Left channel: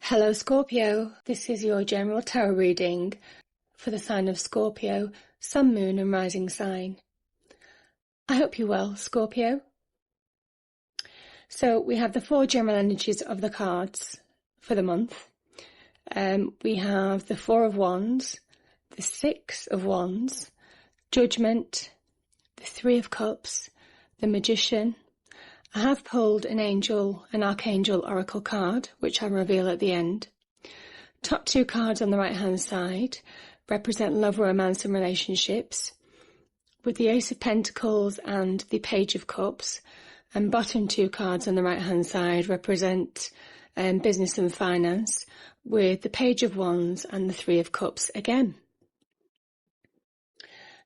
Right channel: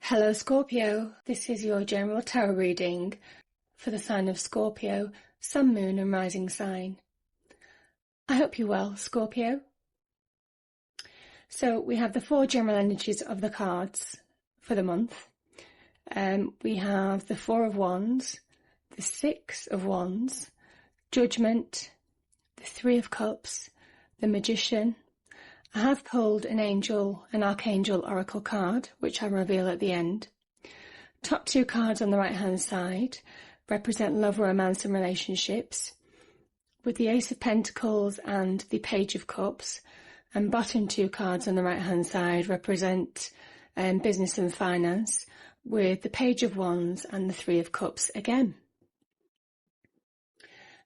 Hello Scorpio, this is your general tarot reading for the sign of Scorpio, Sun, Moon and Rising sign. I hope you're well, Scorpio. So we have the 4 general energies of the cards for the month. We have the 4 of Wands, the 6 of Wands, Judgment, the 3 of Cups, the Magician. I have pulled an Archangel Oracle card, which I'll reveal at the end. Top 2 cards on the right-hand side represent love, romance and relationships, with the Ace of Pentacles and the Page of Cups, and bottom 2 cards on the right-hand side represent business and finance, with the Page of Wands and the 3 of Cups again.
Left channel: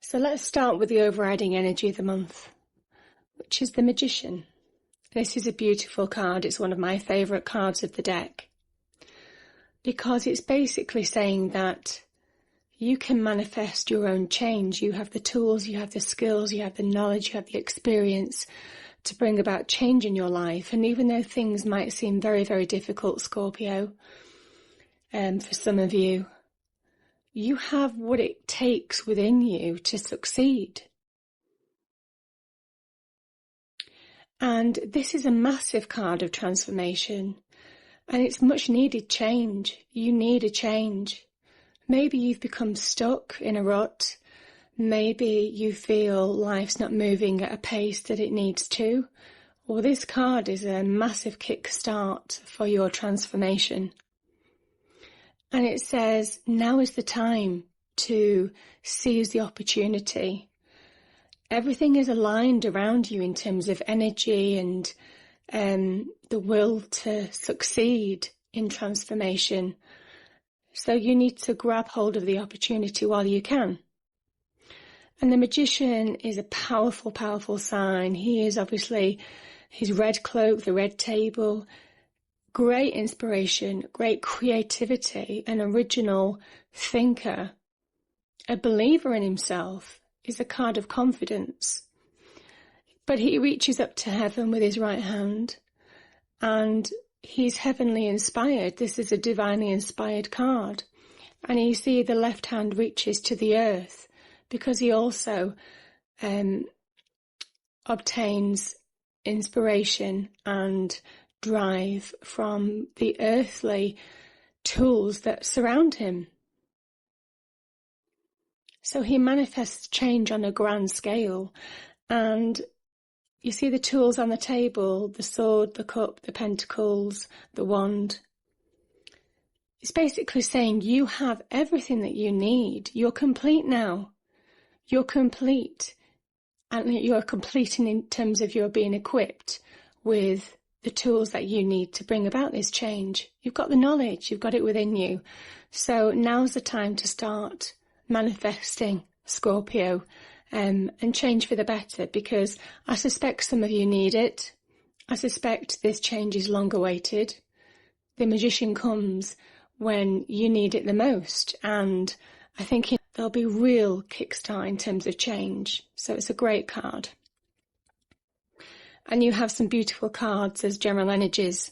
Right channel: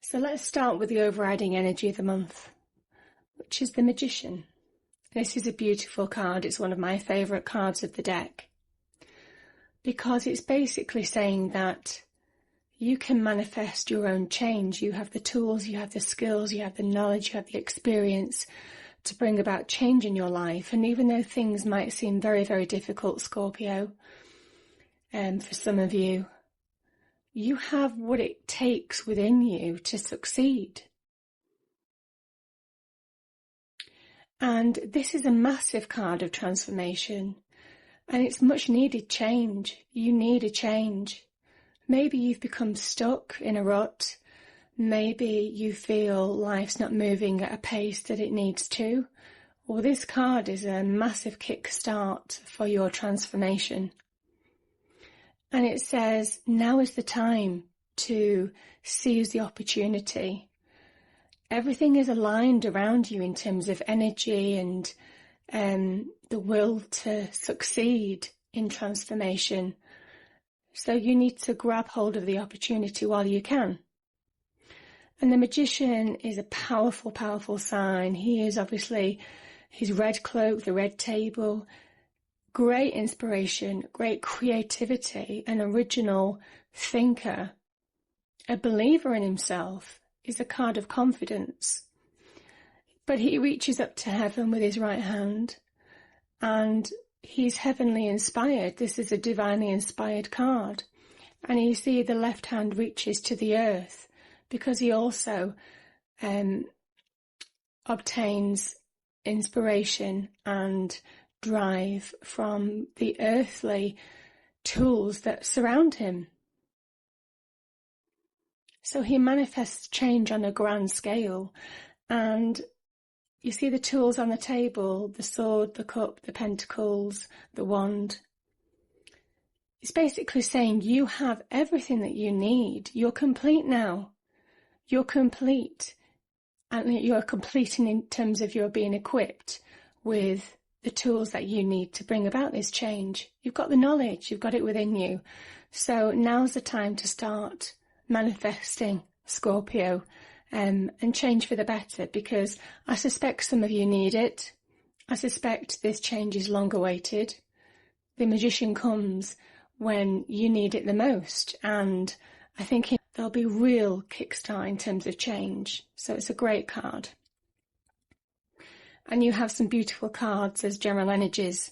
So let's start with the overriding energy of the month, which is the Magician. This is a beautiful card. It's one of my favourite cards of the deck because it's basically saying that you can manifest your own change. You have the tools, you have the skills, you have the knowledge, you have the experience to bring about change in your life. And even though things might seem very, very difficult, Scorpio, for some of you, you have what it takes within you to succeed. And this is a massive card of transformation, and it's much needed change. You need a change. Maybe you've become stuck in a rut. Maybe you feel life's not moving at a pace that it needs to. Or this card is a massive kickstart for your transformation. And it says, now is the time to seize the opportunity. Everything is aligned around you in terms of energy and the will to succeed in transformation. So you need to grab hold of the opportunity while you can. And the Magician is a powerful, powerful sign. He is obviously his red cloak, the red table, great inspiration, great creativity, an original thinker, a believer in himself. Is a card of confidence. But he reaches up to heaven with his right hand and he's heavenly inspired. This is a divinely inspired card. And you see the left hand reaches to the earth because he also obtains inspiration and drive from the earthly tools that surround him. So he manifests change on a grand scale, and you see the tools on the table, the sword, the cup, the pentacles, the wand. It's basically saying you have everything that you need. You're complete now. You're complete. And you're complete in terms of your being equipped with the tools that you need to bring about this change. You've got the knowledge, you've got it within you. So now's the time to start manifesting, Scorpio, and change for the better, because I suspect some of you need it. I suspect this change is long awaited. The Magician comes when you need it the most, and I think there'll be real kickstart in terms of change. So it's a great card. And you have some beautiful cards as general energies.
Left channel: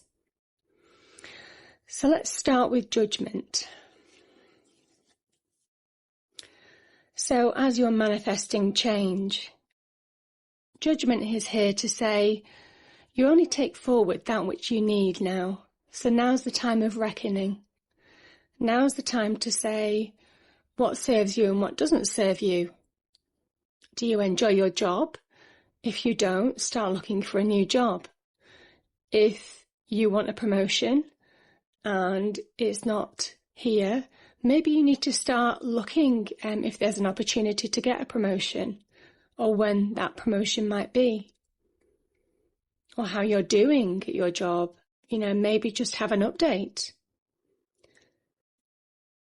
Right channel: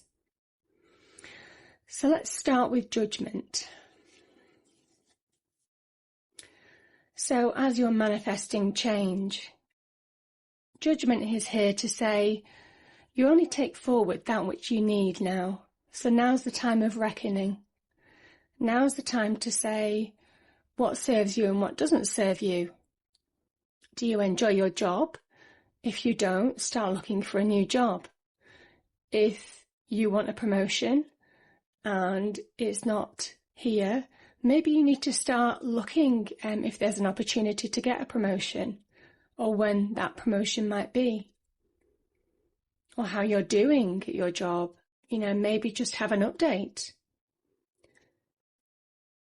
So let's start with Judgment. So as you're manifesting change, Judgment is here to say you only take forward that which you need now. So now's the time of reckoning. Now's the time to say what serves you and what doesn't serve you. Do you enjoy your job? If you don't, start looking for a new job. If you want a promotion and it's not here, maybe you need to start looking if there's an opportunity to get a promotion, or when that promotion might be, or how you're doing at your job. Maybe just have an update.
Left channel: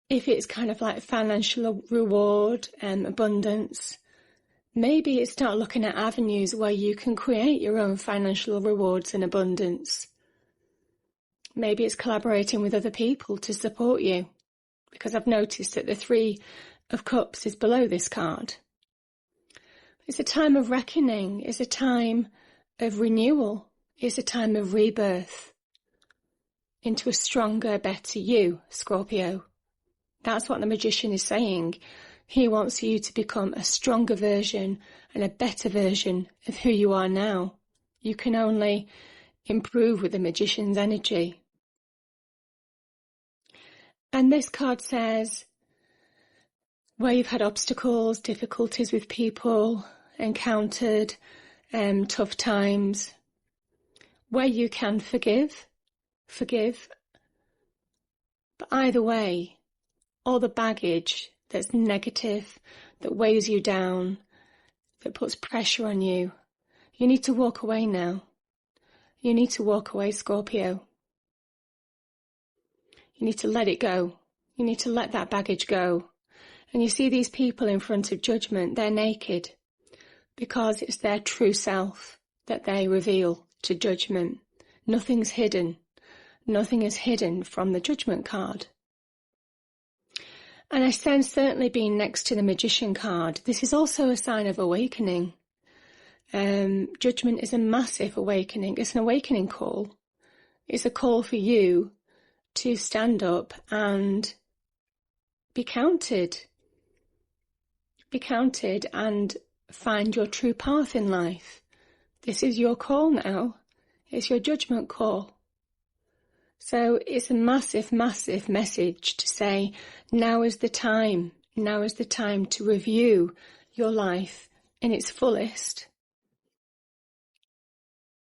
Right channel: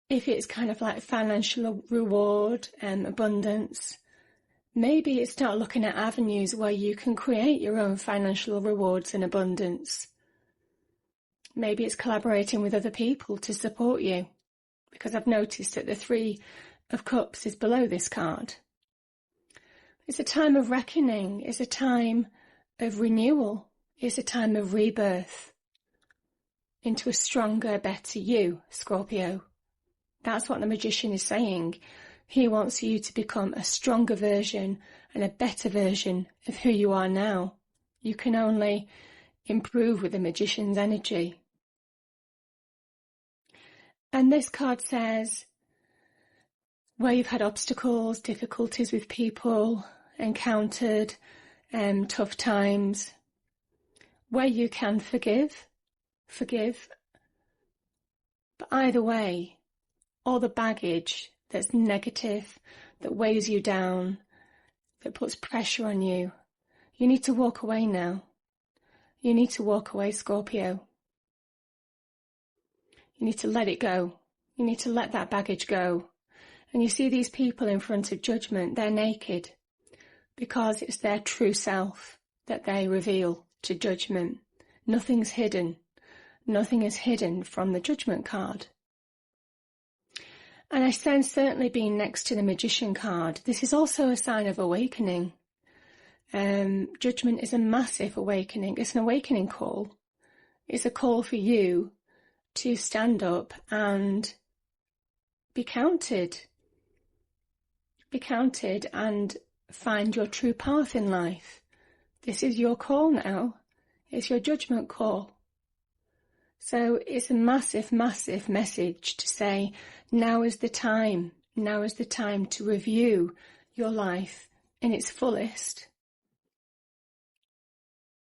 If it's kind of like financial reward and abundance, maybe you start looking at avenues where you can create your own financial rewards and abundance. Maybe it's collaborating with other people to support you, because I've noticed that the 3 of Cups is below this card. It's a time of reckoning. It's a time of renewal. It's a time of rebirth. into a stronger, better you, Scorpio. That's what the Magician is saying. He wants you to become a stronger version and a better version of who you are now. You can only improve with the Magician's energy. And this card says, where you've had obstacles, difficulties with people, encountered tough times, where you can forgive. But either way, all the baggage that's negative, that weighs you down, that puts pressure on you, you need to walk away now. You need to walk away, Scorpio. You need to let it go. You need to let that baggage go. And you see these people in front of judgment, they're naked because it's their true self that they reveal to judgment. Nothing's hidden. Nothing is hidden from the judgment card. And I sense, certainly being next to the Magician card, this is also a sign of awakening. Judgment is a massive awakening. It's an awakening call. It's a call for you to stand up and be counted. Be counted and find your true path in life. This is your call now. It's your judgment call. So it's a massive, massive message to say, now is the time. Now is the time to review your life in its fullest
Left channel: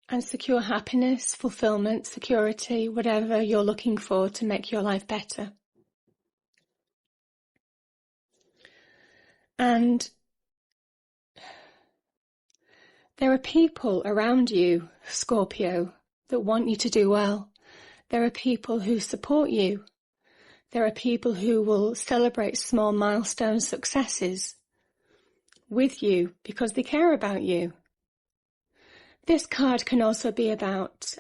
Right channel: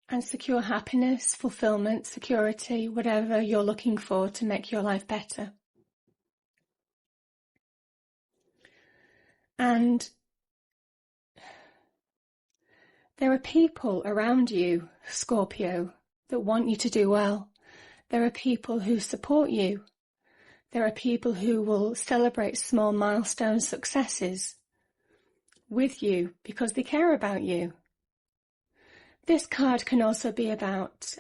and secure happiness, fulfillment, security, whatever you're looking for to make your life better. And there are people around you, Scorpio, that want you to do well. There are people who support you. There are people who will celebrate small milestone successes with you because they care about you. This card can also be about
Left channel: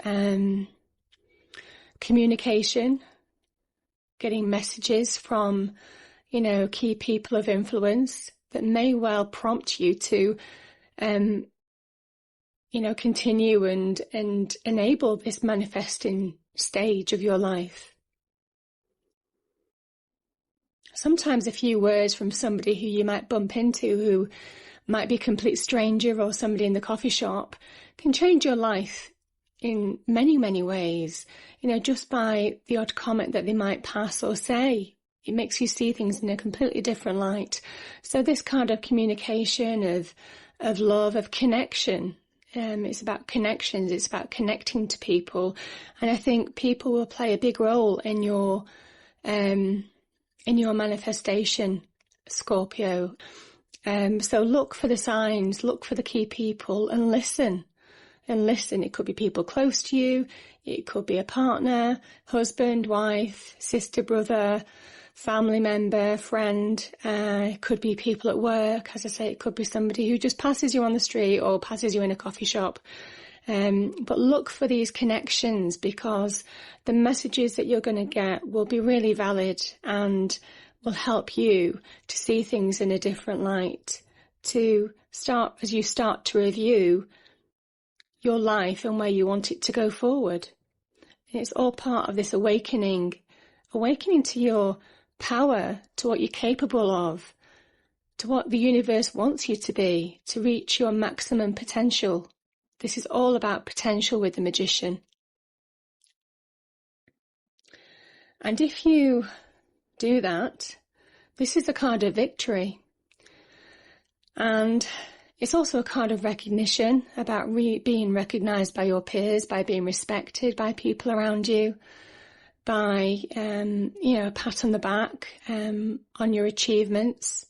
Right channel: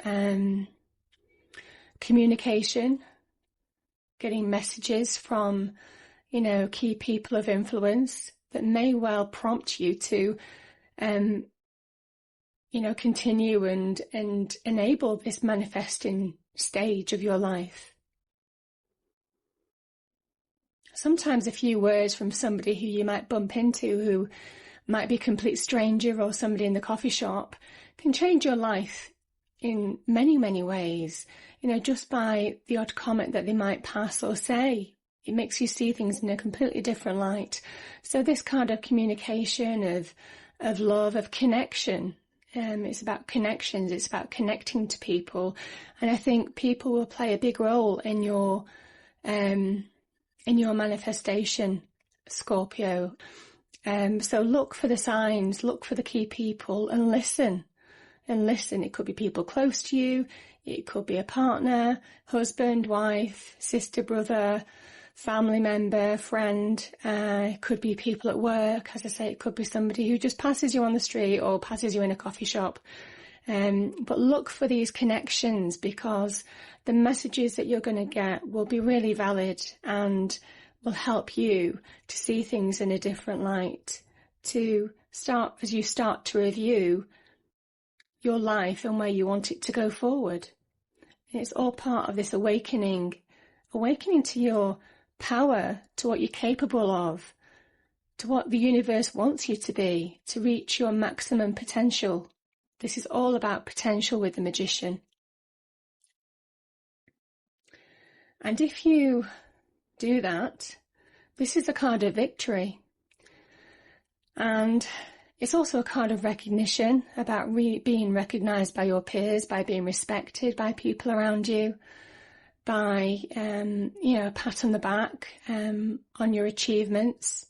communication, getting messages from, key people of influence that may well prompt you to, continue and enable this manifesting stage of your life. Sometimes a few words from somebody who you might bump into, who might be a complete stranger or somebody in the coffee shop, can change your life in many, many ways. Just by the odd comment that they might pass or say, it makes you see things in a completely different light. So this kind of communication, of love, of connection, it's about connections, it's about connecting to people. And I think people will play a big role in your manifestation, Scorpio. So look for the signs, look for the key people and listen. It could be people close to you. It could be a partner, husband, wife, sister, brother, family member, friend. It could be people at work. As I say, it could be somebody who just passes you on the street or passes you in a coffee shop. But look for these connections, because the messages that you're going to get will be really valid and will help you to see things in a different light, as you start to review your life and where you want it to go forward. And it's all part of this awakening to your power, to what you're capable of, to what the universe wants you to be, to reach your maximum potential. This is all about potential with the Magician. And if you do that, this is a card of victory. And it's also a card of recognition, about being recognised by your peers, by being respected by people around you, by, a pat on the back on your achievements.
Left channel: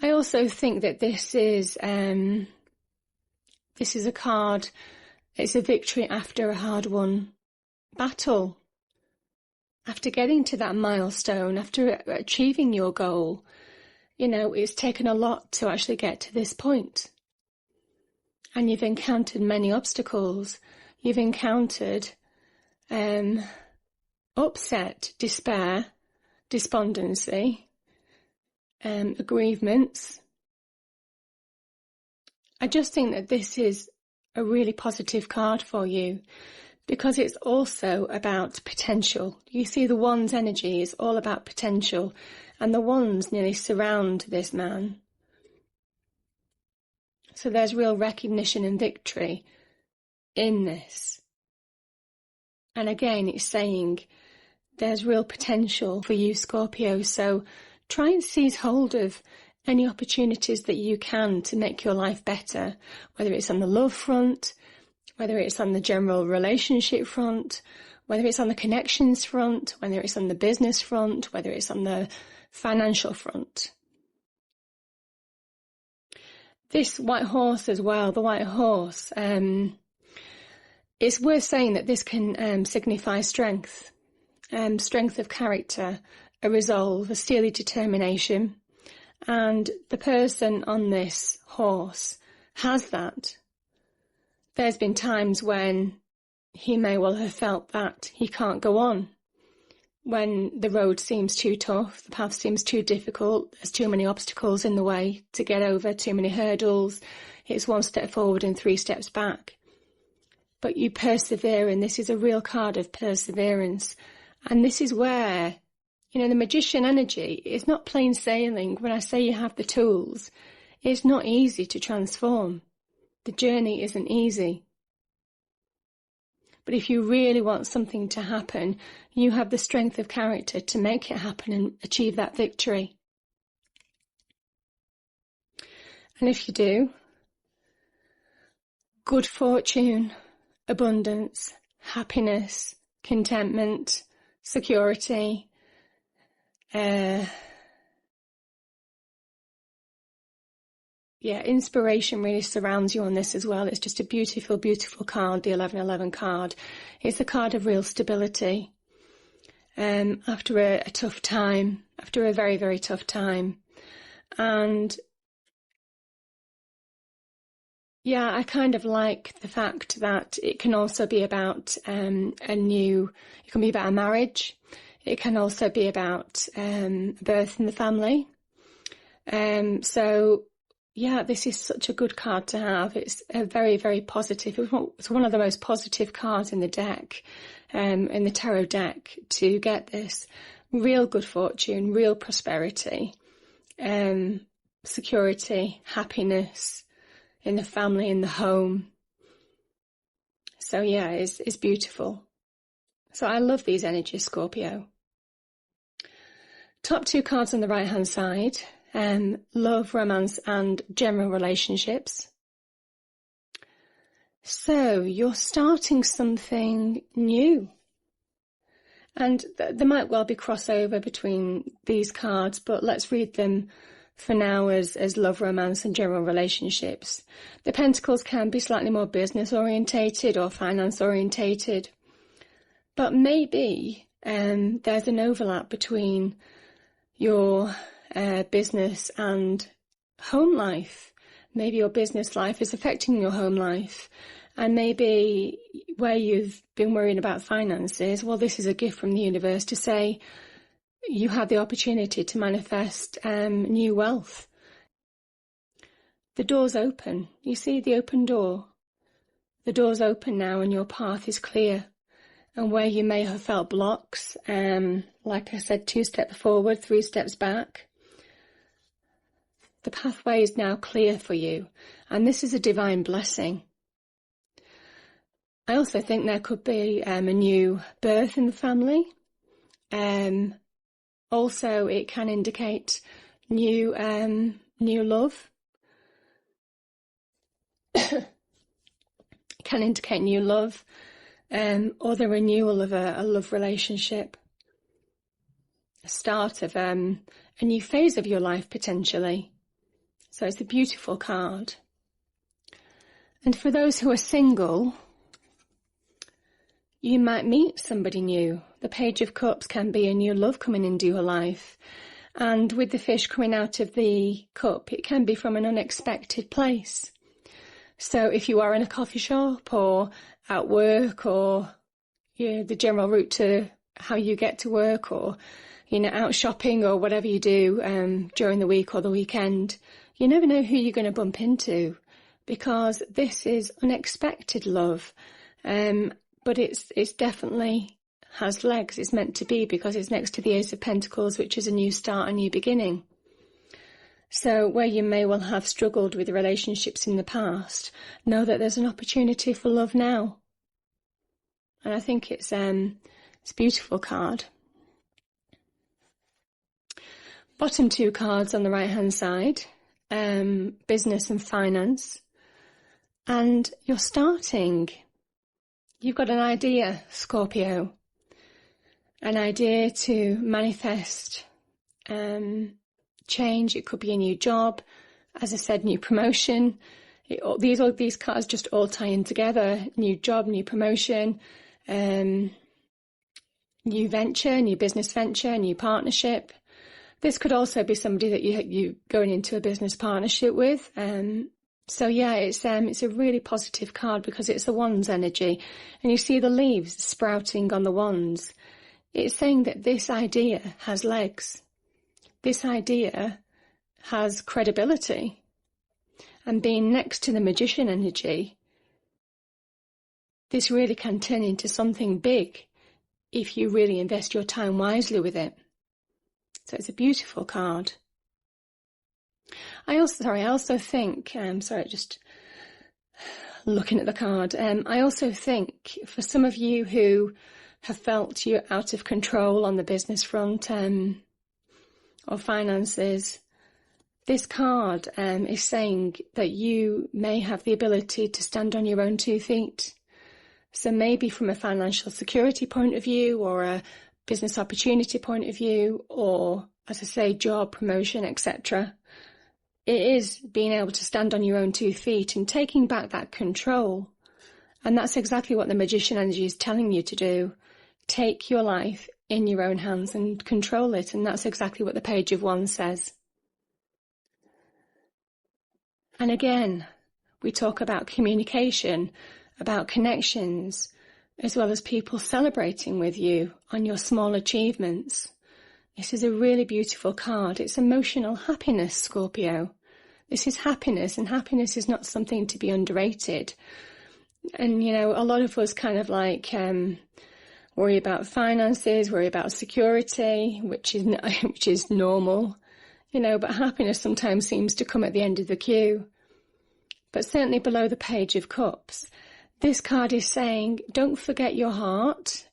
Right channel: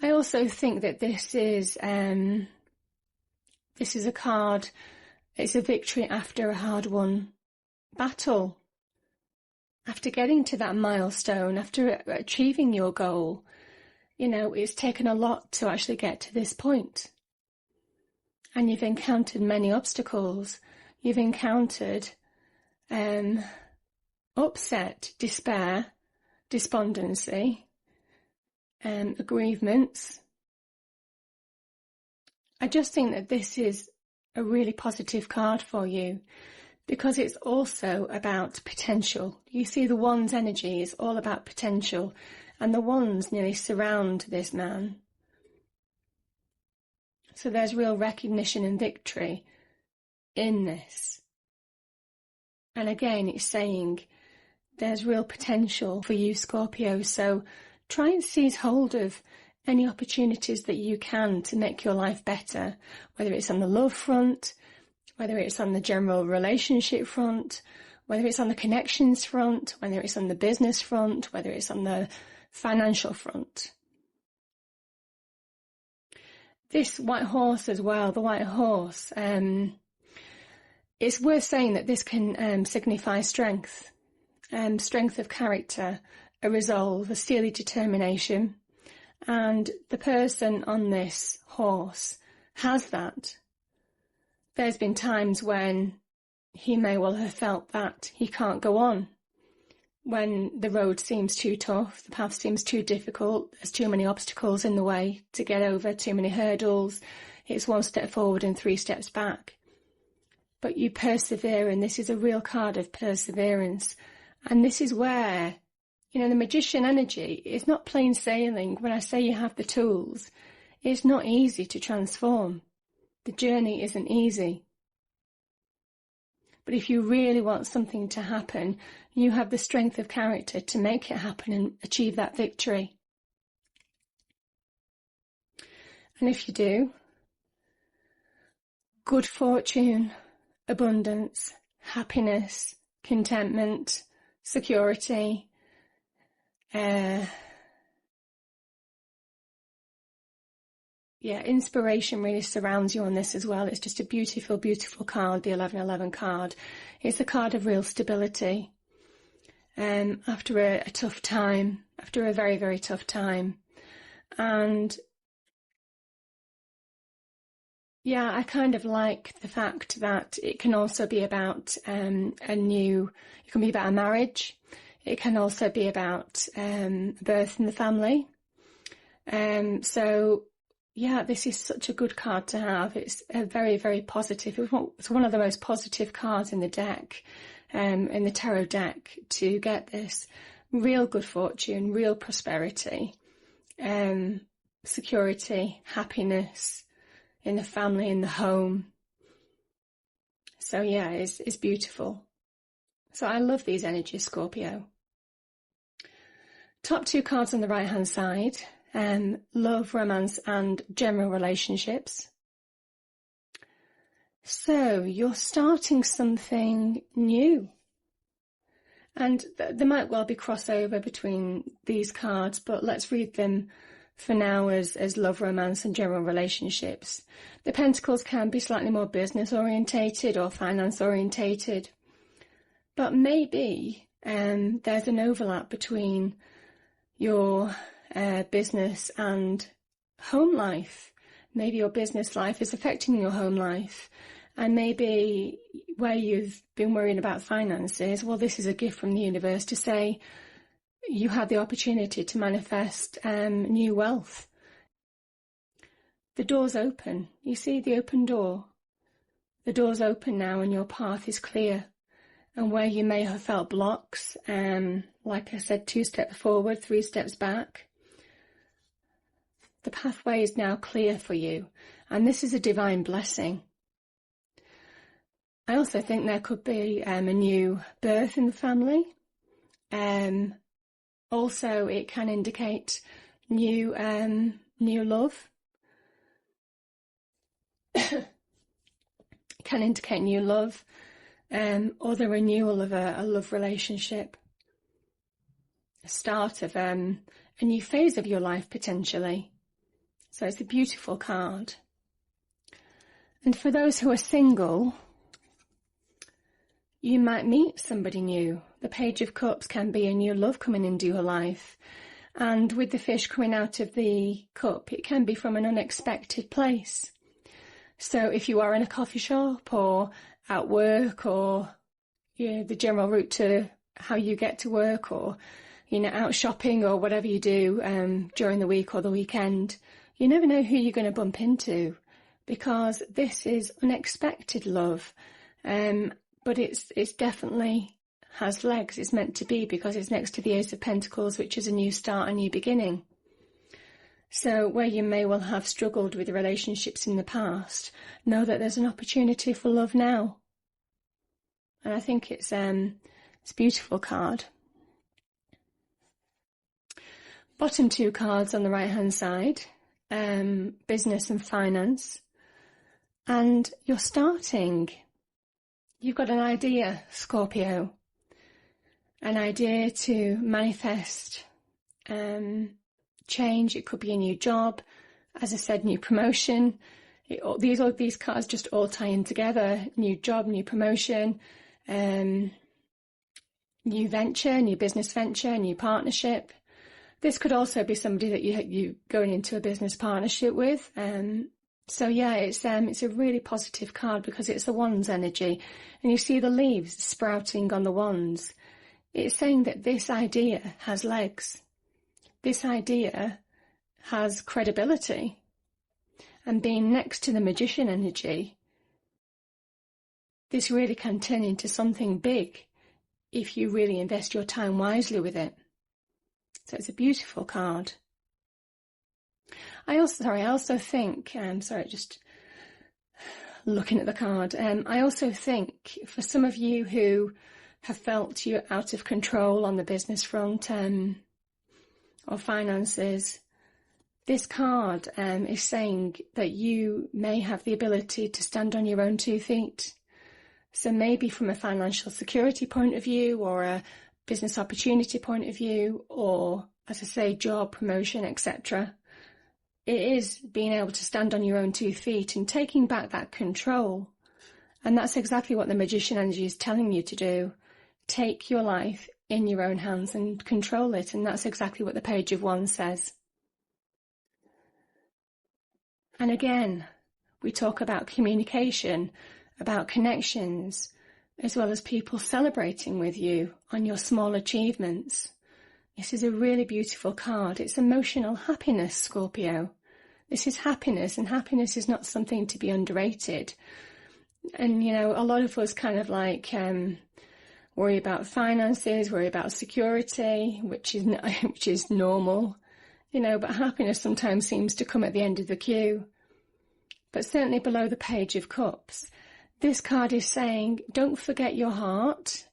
I also think that this is a card, it's a victory after a hard-won battle. After getting to that milestone, after achieving your goal, it's taken a lot to actually get to this point. And you've encountered many obstacles. You've encountered upset, despair, despondency, aggrievements. I just think that this is a really positive card for you, because it's also about potential. You see, the Wand's energy is all about potential, and the Wands nearly surround this man. So there's real recognition and victory in this. And again, it's saying there's real potential for you, Scorpio. So try and seize hold of any opportunities that you can to make your life better, whether it's on the love front, whether it's on the general relationship front, whether it's on the connections front, whether it's on the business front, whether it's on the financial front. This white horse as well, the white horse, it's worth saying that this can signify strength, strength of character, a resolve, a steely determination. And the person on this horse has that. There's been times when he may well have felt that he can't go on, when the road seems too tough, the path seems too difficult, there's too many obstacles in the way to get over, too many hurdles, it's one step forward and 3 steps back. But you persevere, and this is a real card of perseverance. And this is where, you know, the magician energy is not plain sailing. When I say you have the tools, it's not easy to transform. The journey isn't easy. But if you really want something to happen, you have the strength of character to make it happen and achieve that victory. And if you do, good fortune, abundance, happiness, contentment, security, inspiration really surrounds you on this as well. It's just a beautiful, beautiful card, the 1111 card. It's a card of real stability. After a tough time, after a very, very tough time. And yeah, I kind of like the fact that it can also be about it can be about a marriage. It can also be about birth in the family. So yeah, this is such a good card to have. It's a very, very positive. It's one of the most positive cards in the deck, in the tarot deck, to get this real good fortune, real prosperity, security, happiness in the family, in the home. So yeah, it's beautiful. So I love these energies, Scorpio. Top 2 cards on the right-hand side. Love, romance and general relationships. So you're starting something new. And there might well be crossover between these cards, but let's read them for now as love, romance and general relationships. The Pentacles can be slightly more business orientated or finance orientated. But maybe there's an overlap between your business and home life. Maybe your business life is affecting your home life, and maybe where you've been worrying about finances, well, this is a gift from the universe to say you have the opportunity to manifest new wealth. The door's open. You see the open door? The door's open now and your path is clear. And where you may have felt blocks, like I said, 2 steps forward, 3 steps back, the pathway is now clear for you, and this is a divine blessing. I also think there could be a new birth in the family. Also, it can indicate new love. It can indicate new love, or the renewal of a love relationship. A start of a new phase of your life, potentially. So it's a beautiful card. And for those who are single, you might meet somebody new. The Page of Cups can be a new love coming into your life. And with the fish coming out of the cup, it can be from an unexpected place. So if you are in a coffee shop or at work, or the general route to how you get to work, or out shopping or whatever you do during the week or the weekend, you never know who you're going to bump into, because this is unexpected love. but it's definitely has legs. It's meant to be, because it's next to the Ace of Pentacles, which is a new start, a new beginning. So where you may well have struggled with relationships in the past, know that there's an opportunity for love now. And I think it's a beautiful card. Bottom two cards on the right hand side, business and finance. And you're starting. You've got an idea, Scorpio. An idea to manifest change. It could be a new job, as I said, new promotion. These cards just all tie in together. New job, new promotion, new venture, new business venture, new partnership. This could also be somebody that you going into a business partnership with. So yeah, it's a really positive card because it's the Wands energy, and you see the leaves sprouting on the Wands. It's saying that this idea has legs. This idea has credibility. And being next to the Magician energy, this really can turn into something big if you really invest your time wisely with it. So it's a beautiful card. I also think, just looking at the card, I also think for some of you who have felt you're out of control on the business front, or finances, this card is saying that you may have the ability to stand on your own 2 feet. So maybe from a financial security point of view, or a business opportunity point of view, or, as I say, job, promotion, etc. It is being able to stand on your own 2 feet and taking back that control. And that's exactly what the Magician energy is telling you to do. Take your life in your own hands and control it. And that's exactly what the Page of Wands says. And again, we talk about communication, about connections, as well as people celebrating with you on your small achievements. This is a really beautiful card. It's emotional happiness, Scorpio. This is happiness, and happiness is not something to be underrated. And, a lot of us kind of worry about finances, worry about security, which is normal, but happiness sometimes seems to come at the end of the queue. But certainly below the Page of Cups, this card is saying, don't forget your heart.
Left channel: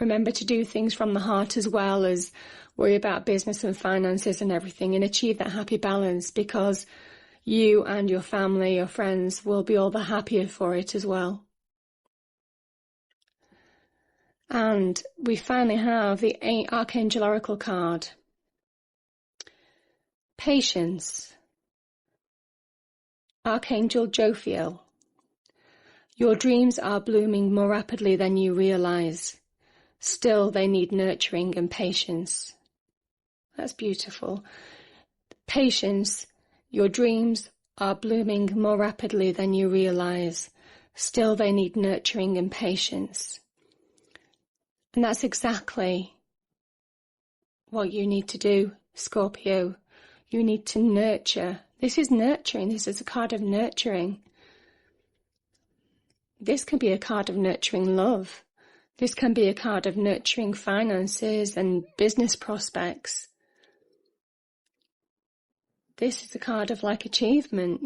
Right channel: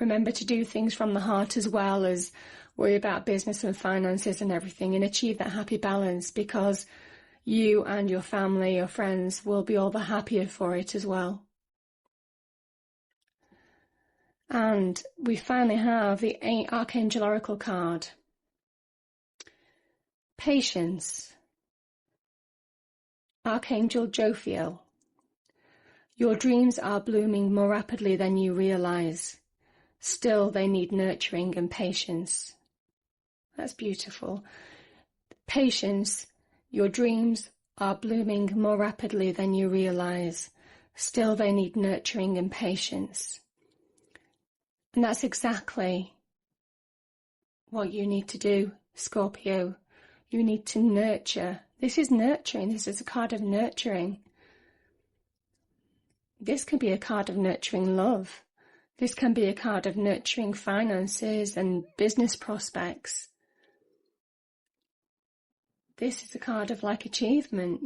Remember to do things from the heart as well as worry about business and finances and everything, and achieve that happy balance, because you and your family, your friends will be all the happier for it as well. And we finally have the Archangel Oracle card. Patience. Archangel Jophiel. Your dreams are blooming more rapidly than you realize. Still, they need nurturing and patience. That's beautiful. Patience. Your dreams are blooming more rapidly than you realize. Still, they need nurturing and patience. And that's exactly what you need to do, Scorpio. You need to nurture. This is nurturing. This is a card of nurturing. This can be a card of nurturing love. This can be a card of nurturing finances and business prospects. This is a card of achievement,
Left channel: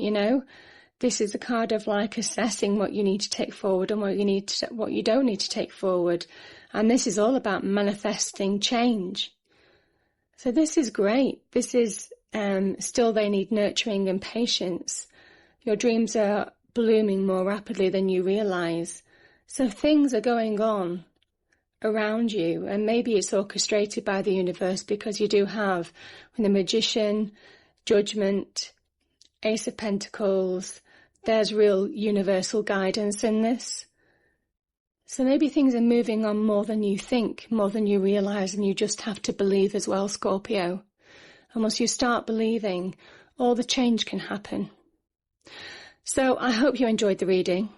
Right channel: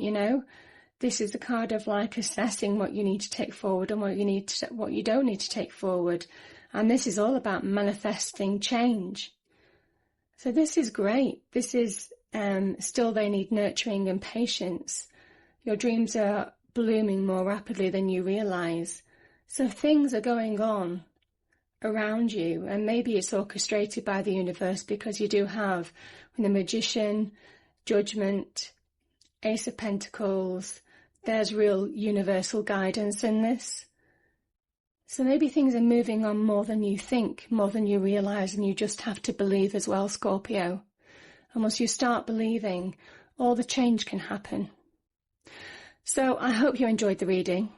This is a card of assessing what you need to take forward and what you don't need to take forward. And this is all about manifesting change. So this is great. This is still they need nurturing and patience. Your dreams are blooming more rapidly than you realize. So things are going on around you, and maybe it's orchestrated by the universe, because you do have the Magician, Judgment, Ace of Pentacles. There's real universal guidance in this. So maybe things are moving on more than you think, more than you realize, and you just have to believe as well, Scorpio. And once you start believing, all the change can happen. So I hope you enjoyed the reading.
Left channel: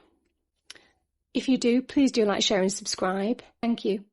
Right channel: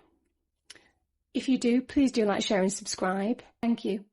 If you do, please do like, share and subscribe. Thank you.